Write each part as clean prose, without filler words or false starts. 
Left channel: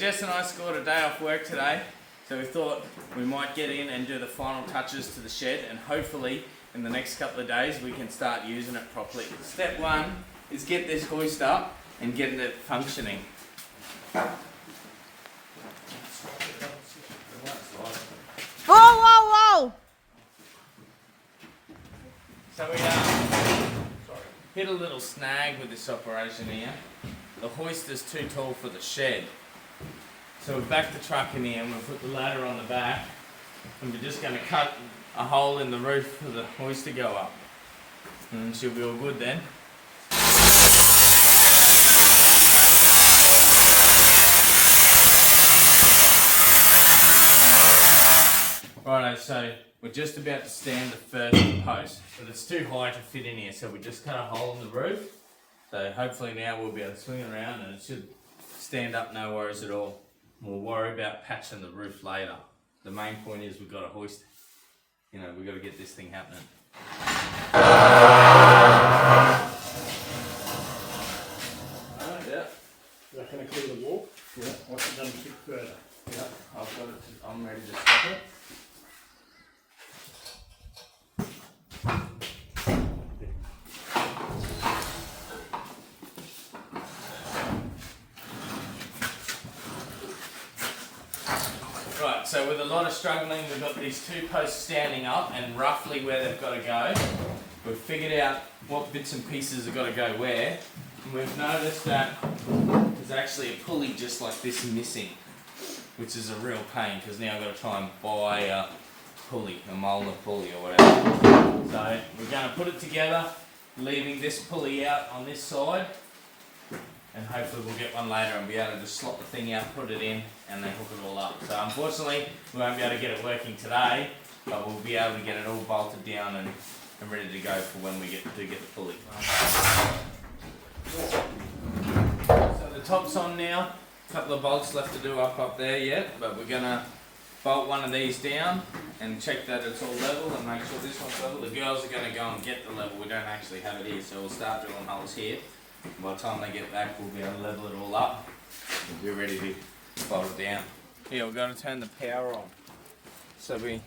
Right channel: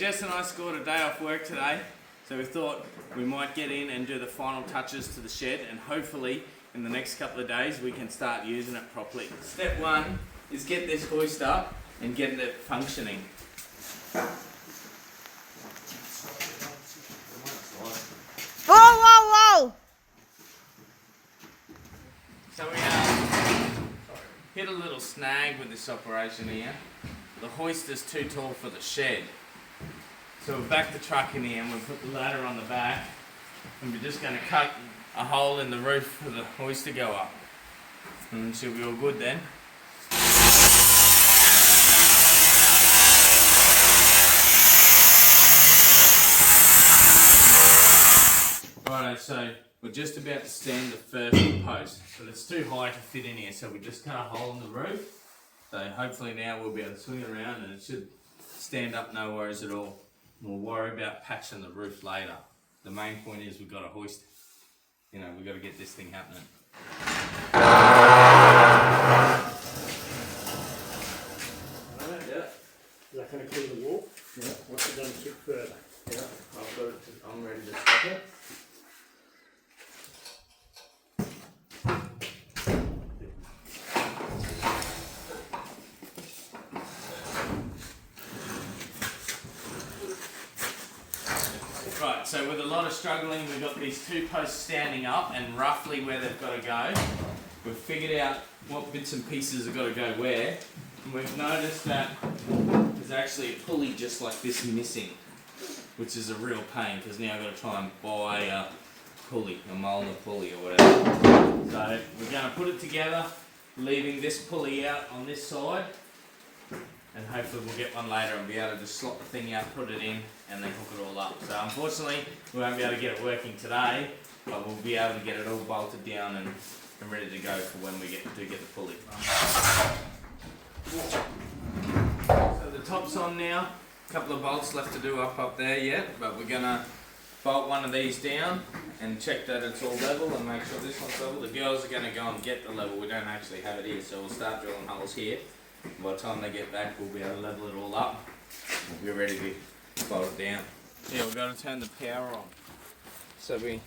Jess and I scored a day off work today, so we thought we might get in and do the final touches to the shed, and hopefully in the next couple of days we can start using it properly. Step one is get this hoist up and get it functioning. Whoa, whoa, whoa! So we hit a little snag with this operation here. The hoist is too tall for the shed. So we've backed the truck in here and we've put the ladder on the back, and we're just going to cut a hole in the roof for the hoist to go up. And she'll be all good then. Alright, so we're just about to stand the first post. So it's too high to fit in here, so we just cut a hole in the roof. So hopefully now we'll be able to swing it around and it should stand up, no worries at all. We'll worry about patching the roof later. The main point is we've got a hoist. You know, we've got to get this thing happening. Alright, yeah. Is that going to clear the wall? Yeah. What's it done a bit further? Yeah, I've got it. I'm ready to stop it. Right, so with a lot of struggling, we've got these two posts standing up and roughly where they've got to go. We've figured out what bits and pieces have got to go where, and we've noticed that there's actually a pulley just like this missing, which is a real pain because now I've got to try and buy a pulley, a Molnar pulley or whatever. So we're going to put it together, leaving this pulley out on this side, and hopefully we'll get one later and be able to just slot the thing out, put it in, and then hook it all up. So unfortunately, we won't be able to get it working today, but we'll be able to get it all bolted down and ready to go for when we get the pulley. So the top's on now. A couple of bolts left to do up there yet, but we're gonna bolt one of these down and check that it's all level and make sure this one's level. The girls are gonna go and get the level. We don't actually have it here, so we'll start drilling holes here. By the time they get back, we'll be able to level it all up. We're ready to bolt it down. Yeah, we've got to turn the power on. So we've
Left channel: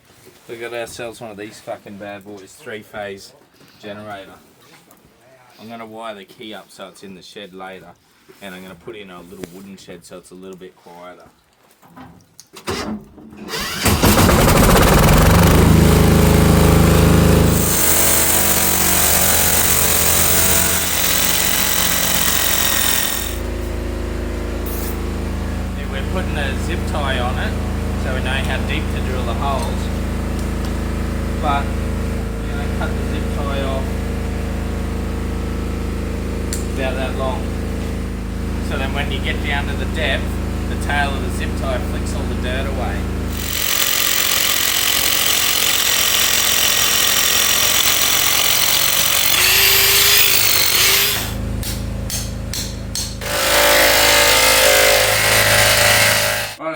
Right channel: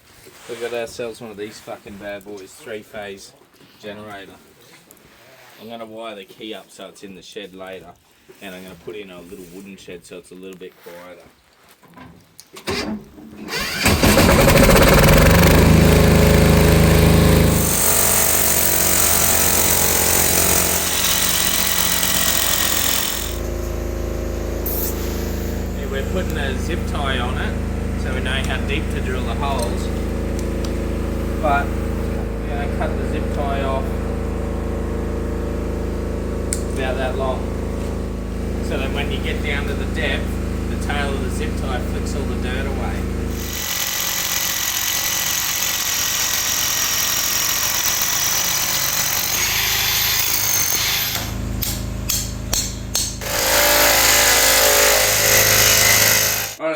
got ourselves one of these fucking bad boys, 3-phase generator. I'm going to wire the key up so it's in the shed later, and I'm going to put in a little wooden shed so it's a little bit quieter. Putting a zip tie on it so we know how deep to drill the holes, but we're going to cut the zip tie off about that long, so then when you get down to the depth, the tail of the zip tie flicks all the dirt away.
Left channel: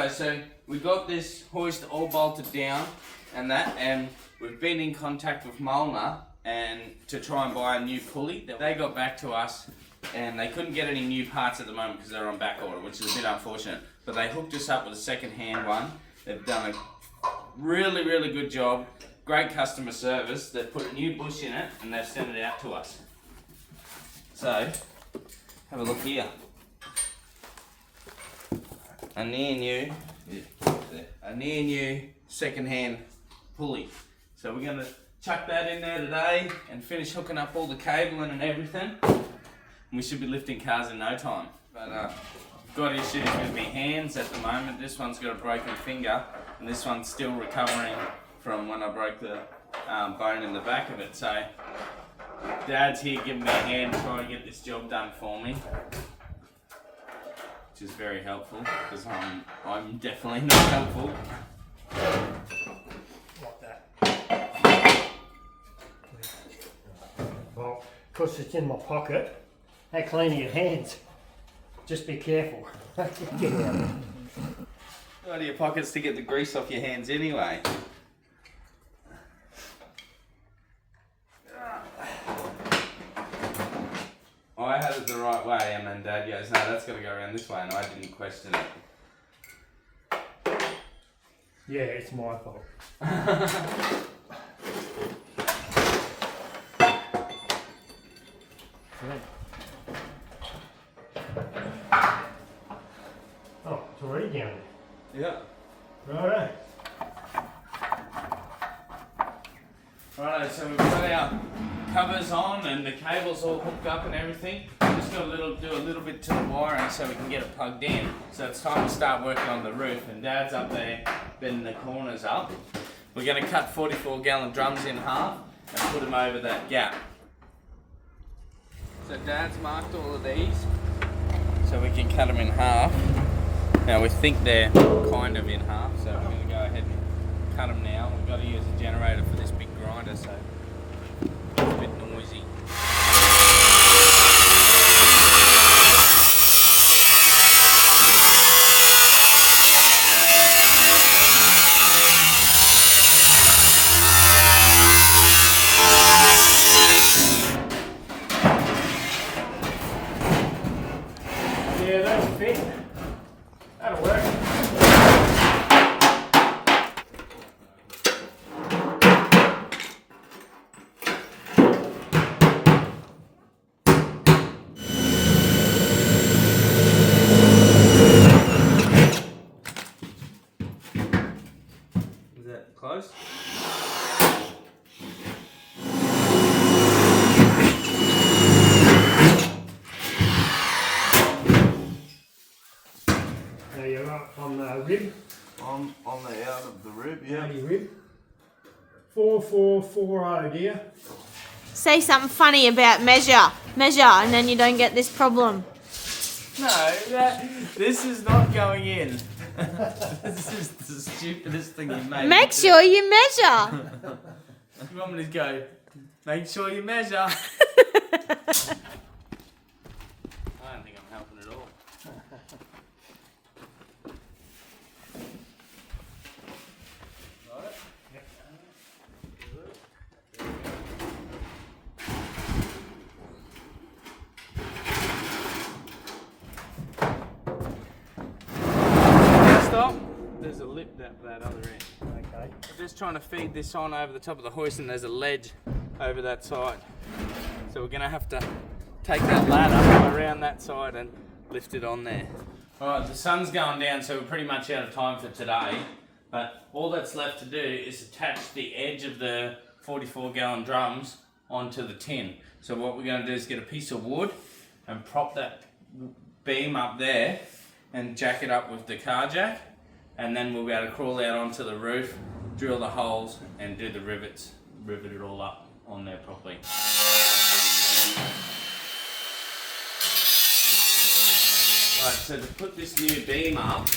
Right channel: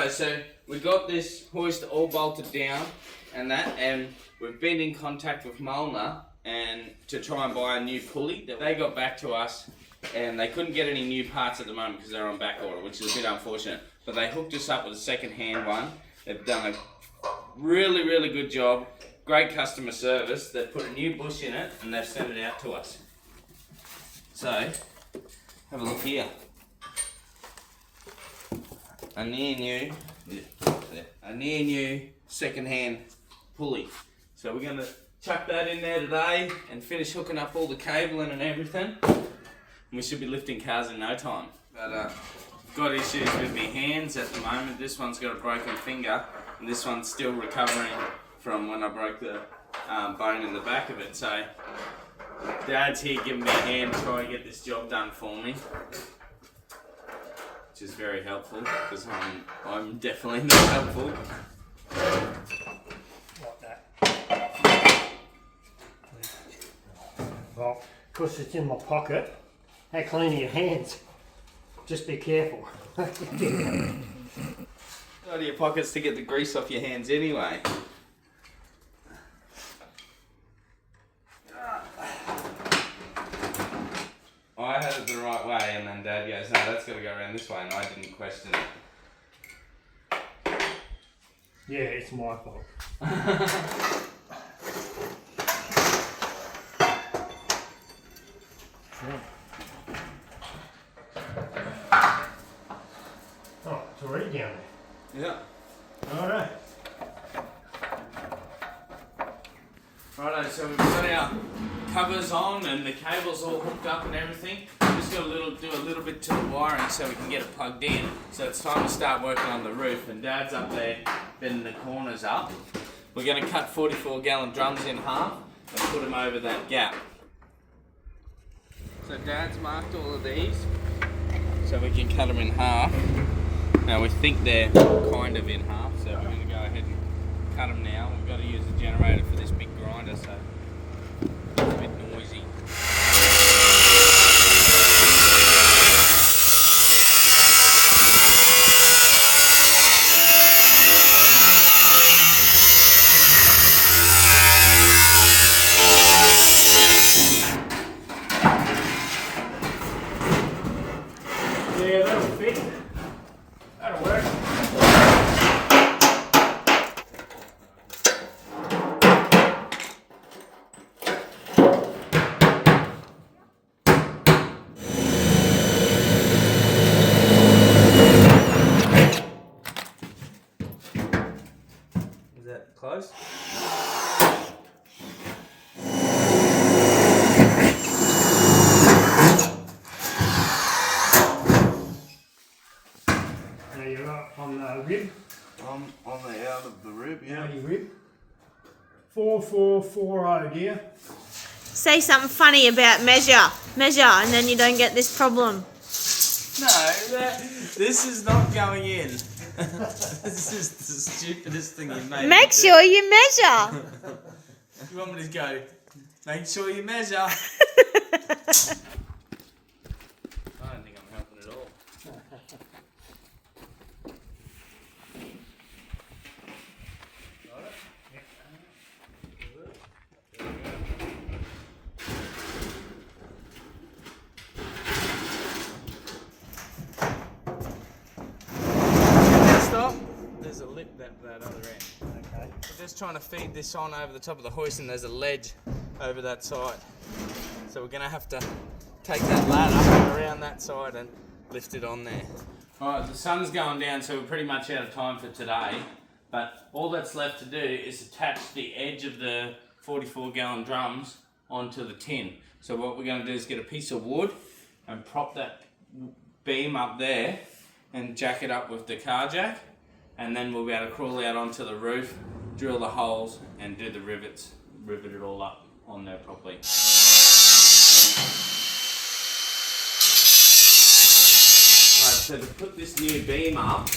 So we got this hoist all bolted down and we've been in contact with Molnar and to try and buy a new pulley. They got back to us and they couldn't get any new parts at the moment because they're on back order, which is a bit unfortunate. But they hooked us up with a second-hand one. They've done a really, really good job. Great customer service. They've put a new bush in it and they've sent it out to us. So, have a look here. A near new second-hand pulley. So we're going to chuck that in there today and finish hooking up all the cabling and everything. And we should be lifting cars in no time. But I've got issues with my hands at the moment. This one's got a broken finger and this one's still recovering from when I broke the bone in the back of it. So Dad's here giving me a hand to try and get this job done for me, which is very helpful because I'm definitely not helpful. Like that. Well, because it's in my pocket, how clean are your hands? Just be careful. Out of your pockets to get the grease off your hands anyway. I had it the right way and then Dad goes, no, that's got to go around this way, and I didn't question it. Yeah, it's my fault. Yeah. Oh, it's already down Yeah. there. Alright. Righto, so we've got our covers on and the cable's all hooked up and everything. Just got to do a little bit to the wiring so we can get it plugged in. So it's time to start working on the roof, and Dad's up there bending the corners up. We're going to cut 44-gallon drums in half and put them over that gap. So Dad's marked all of these so we can cut them in half. Now we think they're kind of in half, so we're going to go ahead and cut them now. We've got to use a generator for this big grinder, so it's a bit noisy. Yeah, that'll fit. That'll work. Is that close? Now you're right on the rib. On the out of the rib, yeah. 90 rib. 4440, dear. Say something funny about measure, and then you don't get this problem. No, this is not going in. This is the stupidest thing you made. Make sure you measure. You want me to go? Make sure you measure. I don't think I'm helping at all. Got it? Stop. There's a lip that other end. Okay. We're just trying to feed this on over the top of the hoist, and there's a ledge over that side. So we're going to have to take that ladder around that side and lift it on there. Alright, the sun's going down, so we're pretty much out of time for today. But all that's left to do is attach the edge of the 44-gallon drums onto the tin. So what we're going to do is get a piece of wood and prop that beam up there and jack it up with the car jack, and then we'll be able to crawl out onto the roof, drill the holes and do the rivets, rivet it all up on there properly. Right, so to put this new beam up,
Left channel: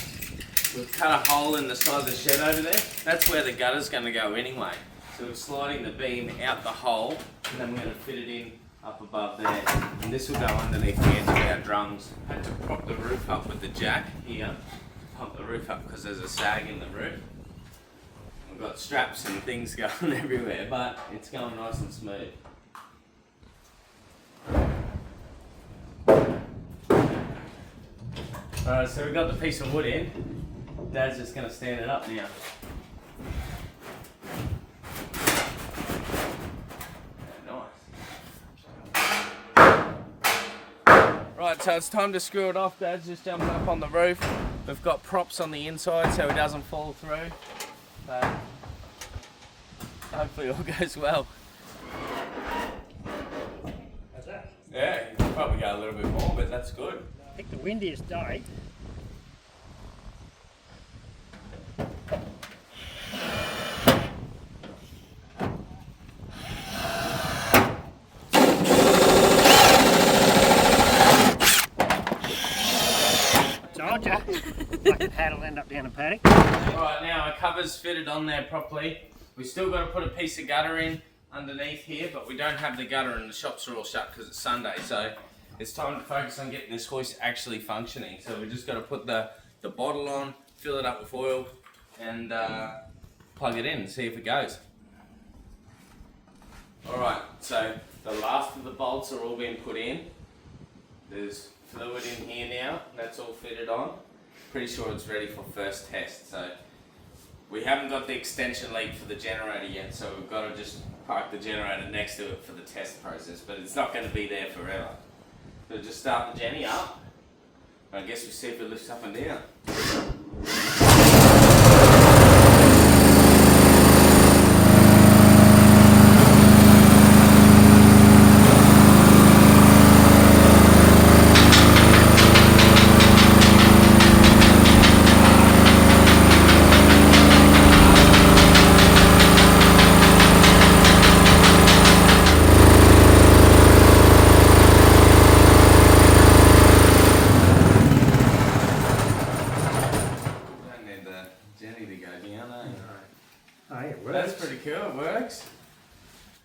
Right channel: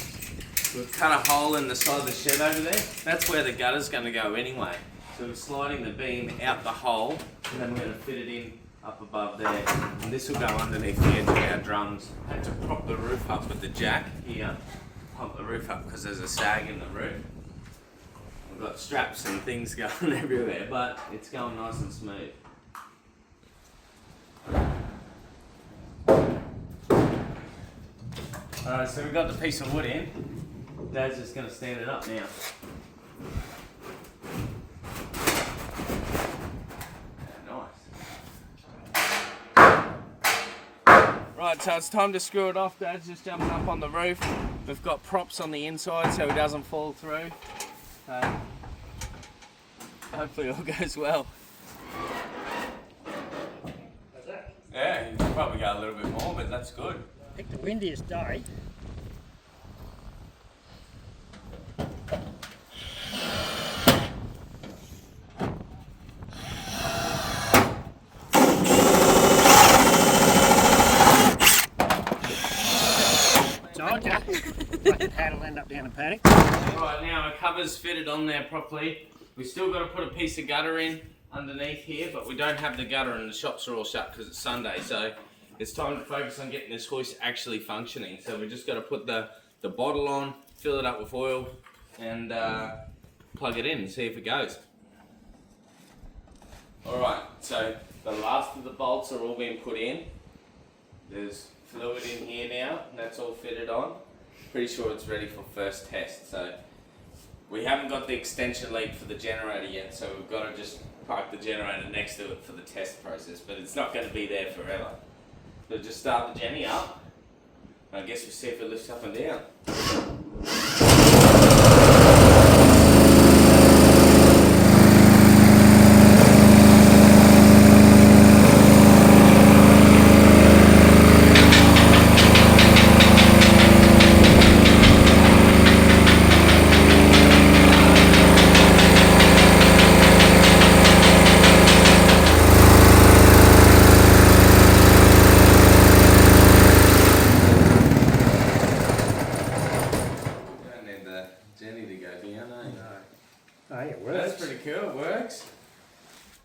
we've cut a hole in the side of the shed over there. That's where the gutter's going to go anyway. So we're sliding the beam out the hole, and then we're going to fit it in up above there. And this will go underneath the edge of our drums. I had to prop the roof up with the jack here to pump the roof up because there's a sag in the roof. We've got straps and things going everywhere, but it's going nice and smooth. Alright, so we've got the piece of wood in. Dad's just going to stand it up now. Right, so it's time to screw it off. Dad's just jumping up on the roof. We've got props on the inside so he doesn't fall through. So hopefully all goes well. How's that? Yeah, you can probably go a little bit more, but that's good. Pick the windiest day. Like the pad will end up down a paddock. Right, now our cover's fitted on there properly. We've still got to put a piece of gutter in underneath here, but we don't have the gutter and the shops are all shut because it's Sunday. So it's time to focus on getting this hoist actually functioning. So we just got to put the bottle on, fill it up with oil, and plug it in and see if it goes. Alright, so the last of the bolts are all being put in. There's fluid in here now, that's all fitted on. Pretty sure it's ready for first test, so We haven't got the extension lead for the generator yet, so we've got to just park the generator next to it for the test process, but it's not going to be there forever. So just start the Jenny up. I guess we'll see if it lifts up and down. That's pretty cool, it works.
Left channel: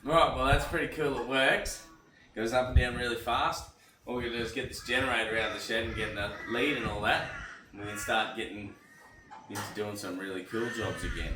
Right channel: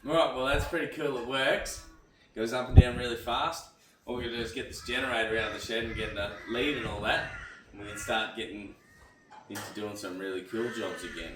Right, well that's pretty cool, it works. Goes up and down really fast. All we're going to do is get this generator out of the shed and get the lead and all that. And we can start getting into doing some really cool jobs again.